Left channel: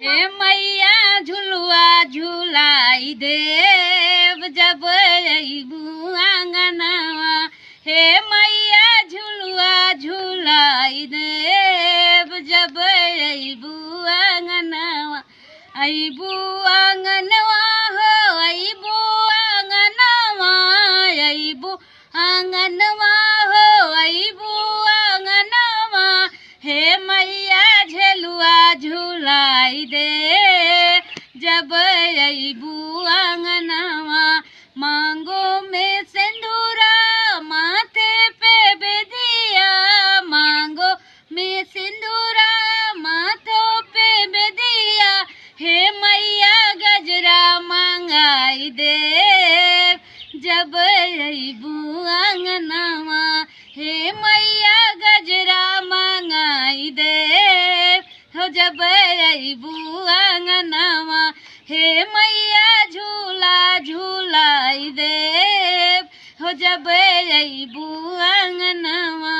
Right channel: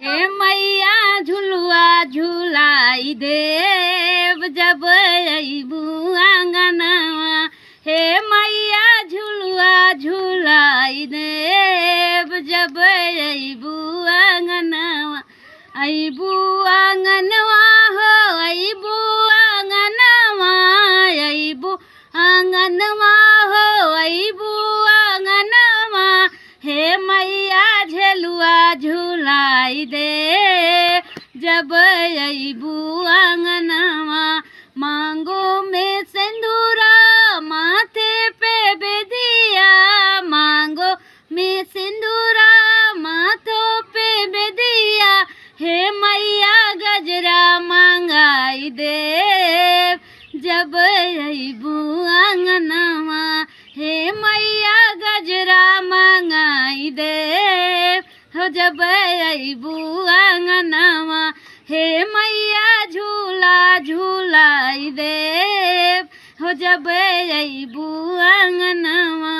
हे मैया झुलुआ झुलाई देव जब अइबू आंगनवा। हे मैया झुलुआ झुलाई देव जब अइबू आंगनवा। अइबू आंगनवा हो अइबू आंगनवा। अइबू आंगनवा हो अइबू आंगनवा। हे मैया झुलुआ झुलाई दे जब अइबू आंगनवा। मांगो में सिंदूरा माथे पे बेदिया। मांगो में सिंदूरा माथों पे बेदिया। हे मैया गजरा मंगाई दे जब अइबू आंगनवा। हे मैया गजरा मंगाई दे हो जब अइबू आंगनवा। हे मैया झूला झूलाई दे हो जब अइबू आंगनवा।